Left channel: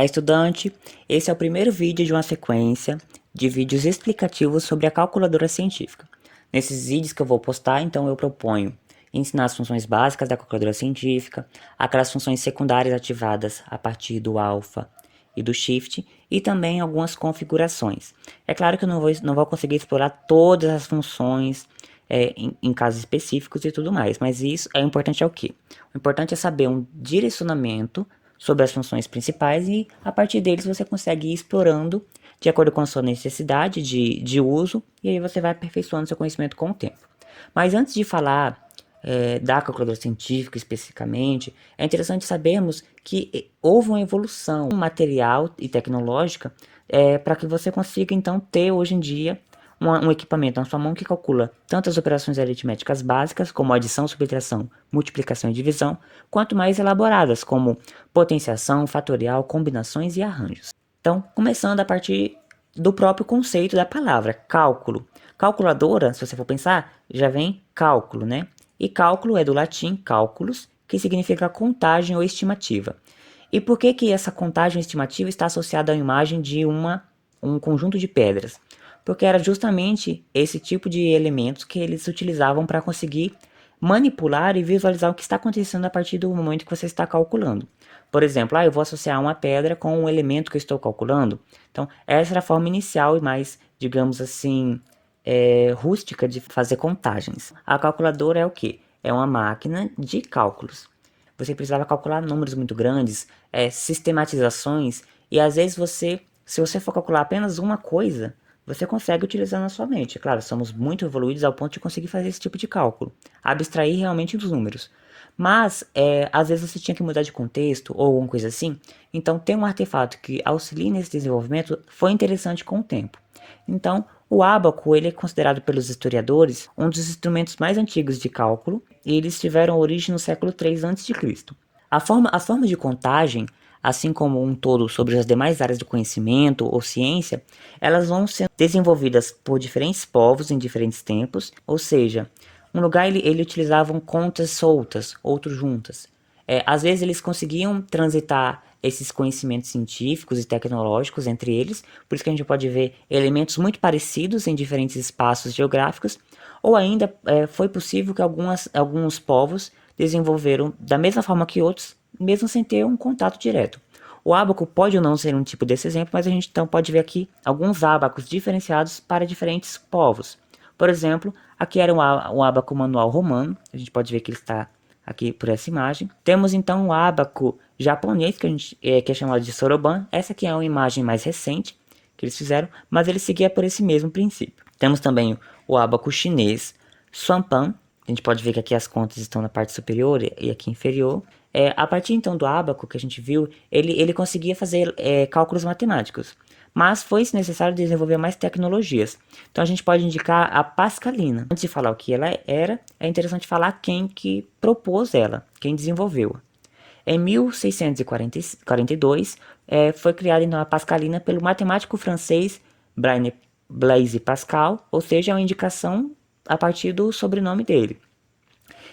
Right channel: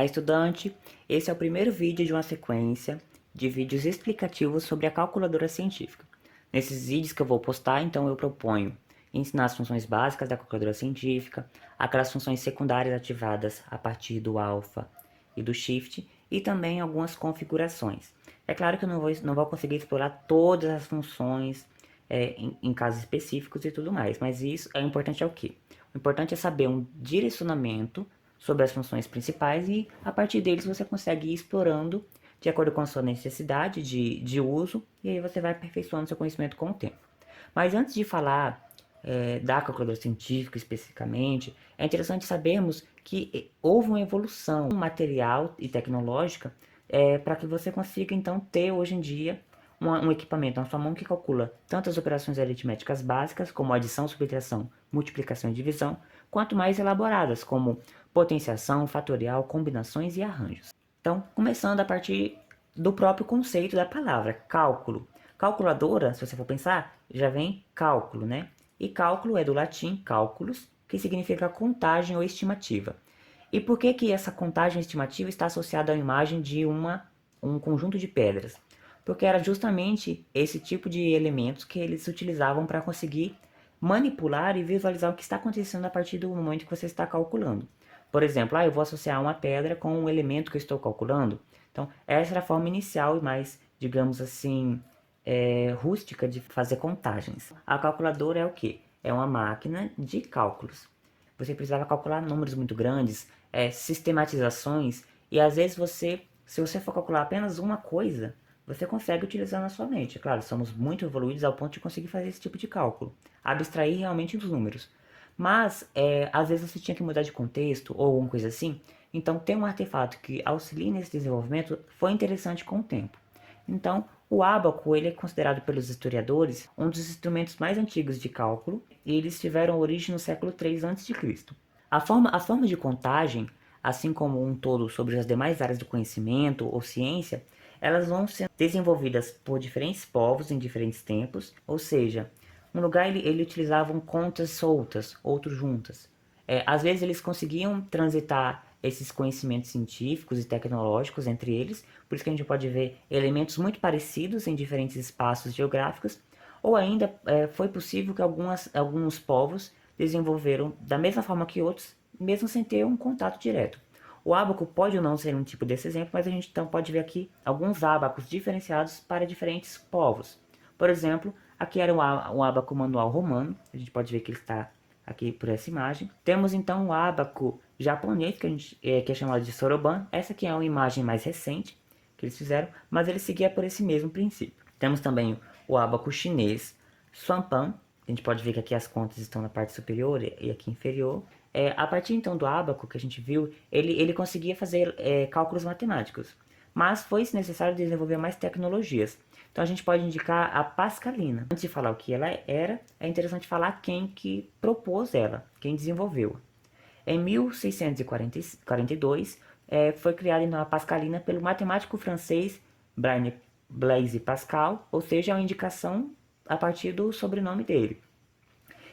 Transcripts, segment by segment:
Olá, estudante! Esse é o primeiro vídeo de uma sequência de vídeos explicativos sobre a calculadora científica. Nesses vídeos que eu vou postar, então eu proponho ensinar as funções básicas da calculadora científica, aquelas funções secundárias ativadas a partir do alpha e do shift, e também algumas configurações. É claro que eu não vou conseguir explorar todas as funções em casos específicos e tudo mais, mas isso é importante o quê? O importante é saber um direcionamento sobre as funções principais e a partir deles você consegue ir explorando de acordo com a sua necessidade de uso e aí você vai aperfeiçoando seu conhecimento com o tempo. Mas antes de falar da calculadora científica especificamente, é interessante sabermos que houve uma evolução material e tecnológica para que você consiga então ter hoje em dia um equipamento na sua mão que calcula tanto as operações aritméticas básicas, como adição, subtração, multiplicação e divisão, quanto mais elaboradas, como potenciação, fatorial, combinações e arranjos. Então, começando a partir do próprio conceito da palavra, cálculo. Calculadora, se você for pensar, já vem cálculo, né? E cálculo é do latim cálculos, que significa contagem ou estimativa. E por que essa contagem estimativa está associada à imagem de um conjunto de pedras? Porque era justamente esse tipo de elementos que eles utilizavam para conseguir manipular e visualizar o que está acontecendo a partir do momento que você está calculando. Por exemplo, eu vou associar uma pedra com um elemento que eu estou calculando. Então, essa era a forma inicial e mais, digamos assim, rústica de fazer contagens. A calculadora é o quê? É uma máquina de cálculos. Você precisava calcular números muito grandes, sistematizações, e às vezes se você for calcular apenas uma coisa, você consegue utilizar na sua mente. Claro, somos muito evoluídos ao ponto de conseguir fazer esse tipo de cálculo, abstrair realmente os números. Mas, às vezes você tinha que mudar de contexto ou alguma coisa assim, então ter um artefato que auxilie nesse desenvolvimento foi interessante com o tempo. Então, o ábaco ele é considerado pelos historiadores um dos instrumentos mais antigos de cálculo e eles tiveram origem no século III a.C. As formas de contagem, assim como um todo sobre as demais áreas do conhecimento ou ciência, elas vão ser desenvolvidas por diferentes povos em diferentes tempos, ou seja, um lugar ele utilizavam contas soltas, outros juntas. Às vezes eles conseguiam transitar esses conhecimentos científicos e tecnológicos entre eles, por isso que a gente pode ver elementos muito parecidos em diferentes espaços geográficos, ou ainda foi possível que alguns povos desenvolveram da mesma forma que outros, mesmo sem ter um contato direto. O ábaco pode ou não ser um tipo desse exemplo, mas a gente então pode ver aqui alguns ábacos diferenciados para diferentes povos. Por exemplo, aqui era um ábaco manual romano, a gente pode ver que ele está aqui por essa imagem. Temos então o ábaco japonês, que é chamado de soroban. Essa aqui é uma imagem mais recente que eles fizeram, mas ele seguia por esse mesmo princípio. Temos também o ábaco chinês Swanpan. A gente pode ver que aqui as contas estão na parte superior e aqui inferior. A partir então do ábaco que a gente viu, ele conseguia fazer cálculos matemáticos, mas foi necessário desenvolver mais tecnologias. Então a gente pode indicar a Pascalina. Antes de falar o que ela era, é interessante falar quem que propôs ela, quem desenvolveu. Em 1642, foi criada então a Pascalina pelo matemático francês Blaise Pascal, ou seja, é uma indicação a partir do sobrenome dele.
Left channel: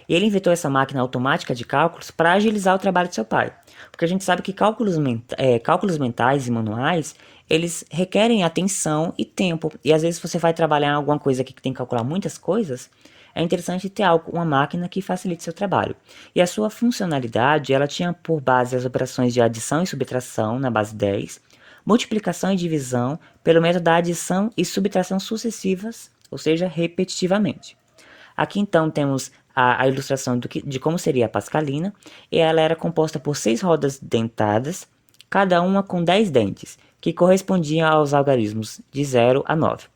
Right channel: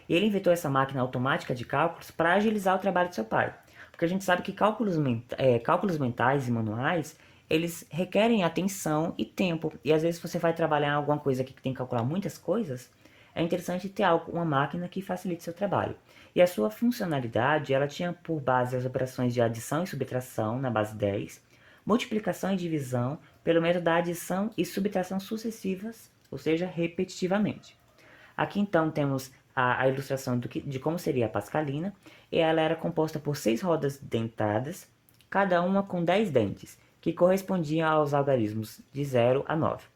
E ele inventou essa máquina automática de cálculos para agilizar o trabalho de seu pai. Porque a gente sabe que cálculos mentais e manuais, eles requerem atenção e tempo. E às vezes você vai trabalhar em alguma coisa que tem que calcular muitas coisas, é interessante ter uma máquina que facilite seu trabalho. E a sua funcionalidade, ela tinha por base as operações de adição e subtração na base 10, multiplicação e divisão pelo método da adição e subtração sucessivas, ou seja, repetitivamente. Aqui então temos a ilustração de como seria a Pascalina, e ela era composta por 6 rodas dentadas, cada uma com 10 dentes, que correspondiam aos algarismos de 0 a 9.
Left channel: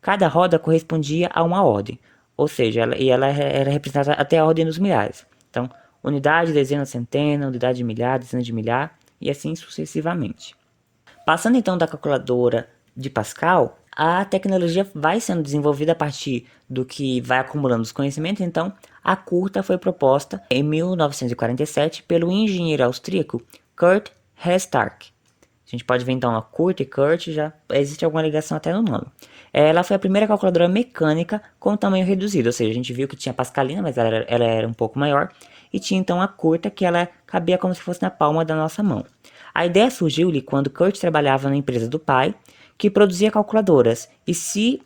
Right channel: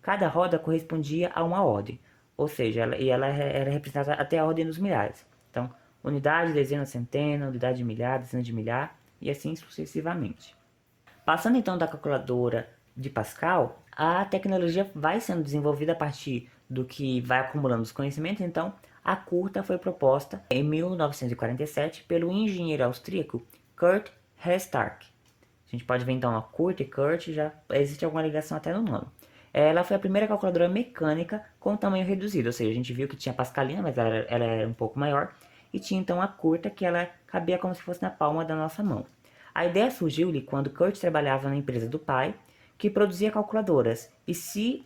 Cada roda correspondia a uma ordem, ou seja, ela era representada até a ordem dos milhares. Então, unidade, dezena, centena, unidade de milhar, dezena de milhar, e assim sucessivamente. Passando então da calculadora de Pascal, a tecnologia vai sendo desenvolvida a partir do que vai acumulando os conhecimentos, então a curta foi proposta em 1947 pelo engenheiro austríaco Kurt Hestark. A gente pode ver então a curta e Kurt, já existe alguma ligação até no nome. Ela foi a primeira calculadora mecânica com tamanho reduzido, ou seja, a gente viu que tinha a Pascalina, mas ela era um pouco maior, e tinha então a curta, que ela cabia como se fosse na palma da nossa mão. A ideia surgiu-lhe quando Kurt trabalhava na empresa do pai, que produzia calculadoras, e se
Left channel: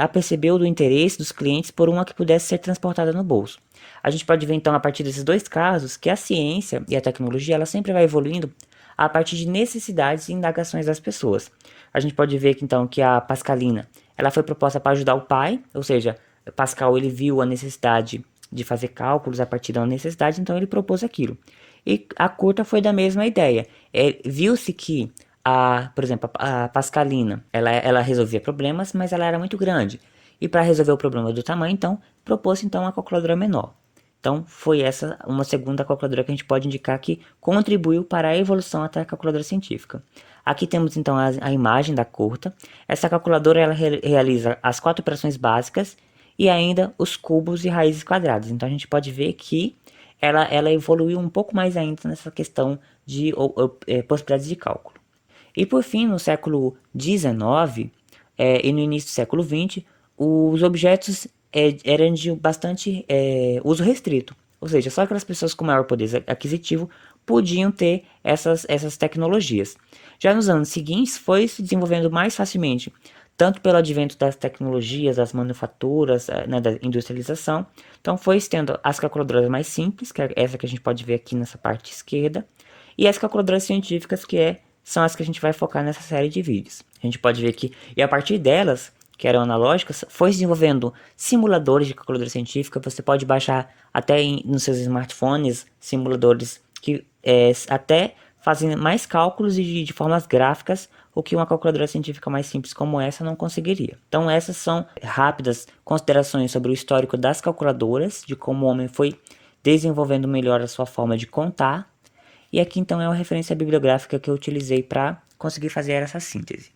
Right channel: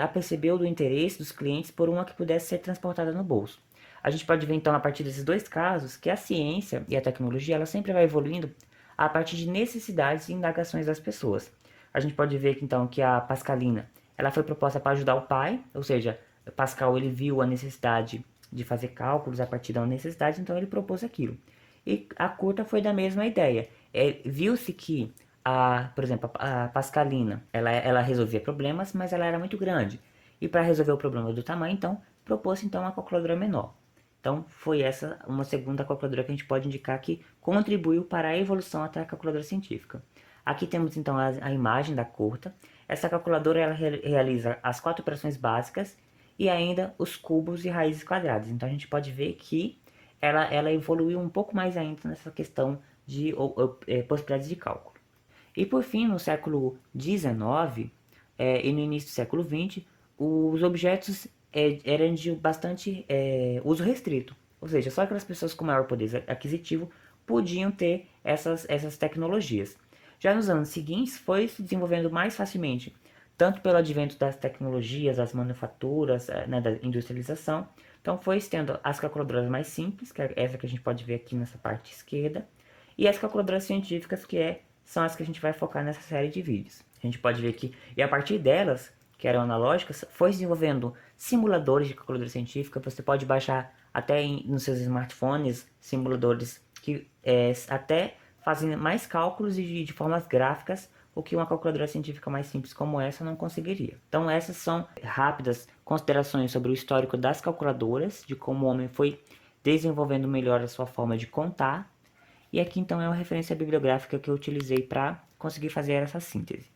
apercebeu do interesse dos clientes por uma que pudesse ser transportada no bolso. A gente pode ver então a partir desses dois casos que a ciência e a tecnologia ela sempre vai evoluindo a partir de necessidades e indagações das pessoas. A gente pode ver que então que a Pascalina ela foi proposta para ajudar o pai, ou seja, Pascal ele viu a necessidade de fazer cálculos a partir da necessidade, então ele propôs aquilo. E a curta foi da mesma ideia. Viu-se que por exemplo, a Pascalina, ela resolvia problemas, mas ela era muito grande. E para resolver o problema do tamanho, então, propôs então uma calculadora menor. Então, foi essa uma segunda calculadora que a gente pode indicar que contribuiu para a evolução até a calculadora científica. Aqui temos então a imagem da curta. Essa calculadora ela realiza as 4 operações básicas e ainda os cubos e raízes quadradas. Então, a gente pode ver que ela evoluiu um pouco mais ainda nessa questão de possibilidades de cálculo. E por fim, no século XIX e no início do século XX, os objetos eram de bastante uso restrito. Ou seja, só aquelas pessoas com maior poder aquisitivo podiam ter essas tecnologias. Já nos anos seguintes, foi se desenvolvendo mais facilmente, tanto pelo advento das tecnologias, das manufaturas, né, da industrialização. Então, foi tendo as calculadoras mais simples, que é essa que a gente pode ver aqui nessa parte esquerda, e as calculadoras científicas, são as que a gente vai focar nessa série de vídeos. A gente pode ver que, e a partir delas, que eram analógicas, foi se desenvolvendo simuladores de calculadora científica. Você pode baixar até nos seus smartphones simuladores que até fazem mais cálculos e de formas gráficas, o que uma calculadora científica mais simples como essa não conseguiria. Então essas são rápidas considerações sobre o histórico das calculadoras, de como o homem foi desenvolvendo melhor a sua forma de contar. E aqui então é uma referência bibliográfica que eu utilizei para conseguir fazer essa síntese.